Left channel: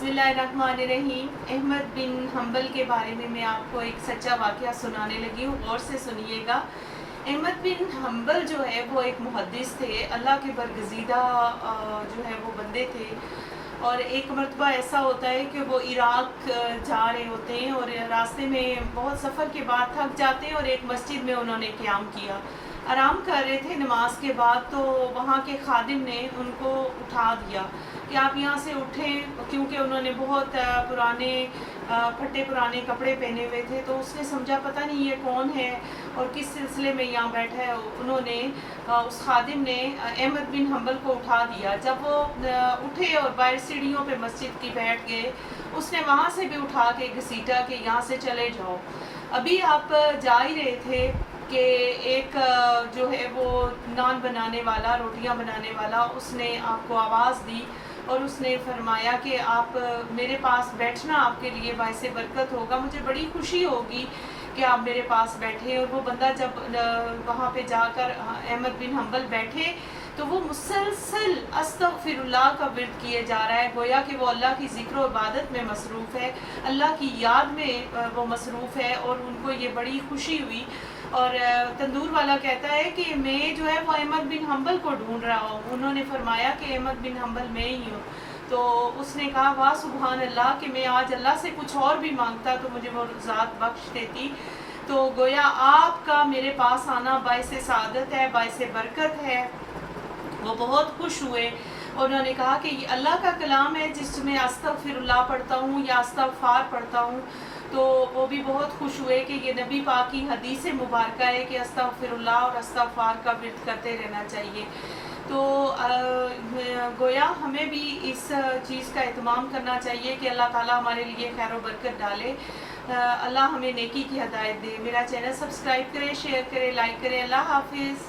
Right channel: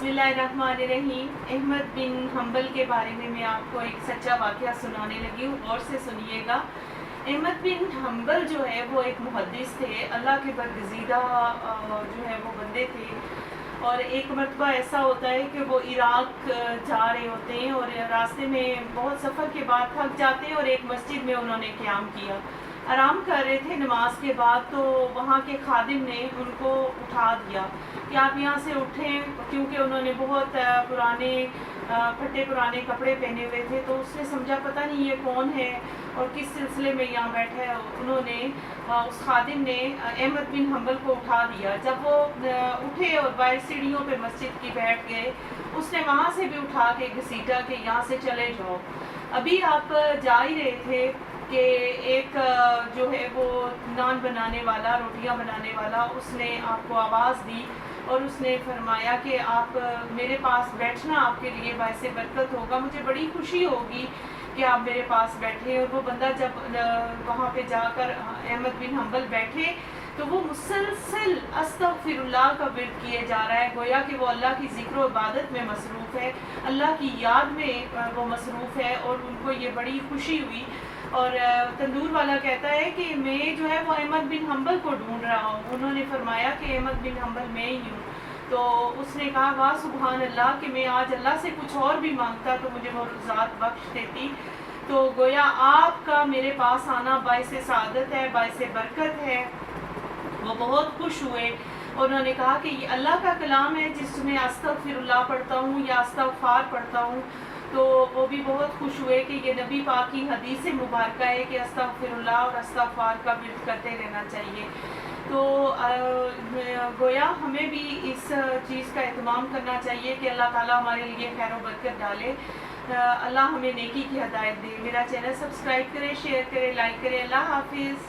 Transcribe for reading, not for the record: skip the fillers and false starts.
बिस्मिल्लाहिर्रहमानिर्रहीम। अहमद बिन हम्बल के बारे में मैं आपको एक सच्चा वाक़या सुनाने लगी हूँ, गौर से सुनिएगा। अहमद बिन हम्बल जो है वो एक मुहद्दिस थे, अल्लाह के बरगज़ीदा जो है वो बंदे थे। और एक मरतबा ऐसा होता है कि वो इराक़ जा रहे होते हैं और रास्ते में बहुत सफ़र के बाद थक जाते हैं और एक मस्जिद में उन्होंने क़याम किया, आराम कर रहे थे नमाज के बाद। तो वहाँ के खादिम ने उनको उठा दिया कि आप यहाँ से उठें, क्योंकि उन्होंने बहुत पुराने फटे पुराने कपड़े पहने हुए थे। तो उसने समझा पता नहीं ये कौन है और किस सिलसिले में यहाँ बैठा है। उन्होंने उस खादिम ने अहमद बिन हम्बल को उठा दिया। जब वो उठे और बाहर सीढ़ियों पे मस्जिद की बैठ गए, उसने वहाँ से भी उठा के घसीटा कि यहाँ से चले जाओ। अभी आप जा ही रहे थे कि एक जो है वो नान बनाने वाला, रोटियां बनाने वाला, उसने आपको आवाज़ दी और उसने फरमाया कि आप मेरे पास बैठना, आपके लिए बाइसे बरकत होगा, मुझे बड़ी खुशी होगी कि आप मेरे पास बैठे। और वो बंदा जब वहाँ पे जाकर अहमद बिन हम्बल बैठे तो वो मुसलसल अस्तगफिरुल्लाह का विर्द किए जा रहा है, गोया कि वो अल्लाह की ज़िक्र और इबादत में मसरूफ़ है, अल्लाह की याद में वो मसरूफ़ है। और उनको ये बड़ी खुशी हुई। और तंदूर वाला कहता है कि मैं जो है वो अहमद बिन हम्बल को ढूंढ रहा हूँ। उन्होंने फरमाया कि अहमद बिन हम्बल मैं ही हूँ। तो उसने कहा वाह सुभान अल्लाह कि मैं आज अल्लाह से कुछ और भी मांगता तो मुझे वो ज़ात बख्श देती। तो गोया आपका मेरे पास आना बाइसे सादत है, बाइसे बरकत है। वो बहुत खुश हुए। उन्होंने कहा कि ये अल्लाह का कलाम है जिसमें अस्तगफिरुल्लाह पढ़ता हूँ या अस्तगफार पढ़ता हूँ। तो वो भी बहुत खुश हुए कि ये नबी पाक की हदीस मुबारक है कि अस्तगफिरुल्लाह और अस्तगफार का विर्द करते रहना चाहिए। तो गोया हमें भी इस चीज़ का एहतमाम करना चाहिए कि अल्लाह ताला हमारे लिए खैर व बरकत डाले। अल्लाह हमें नेकी की हदायत दे। मेरा चैनल सब्सक्राइब करें, शेयर करें, लाइक करें। अल्लाह हाफिज़।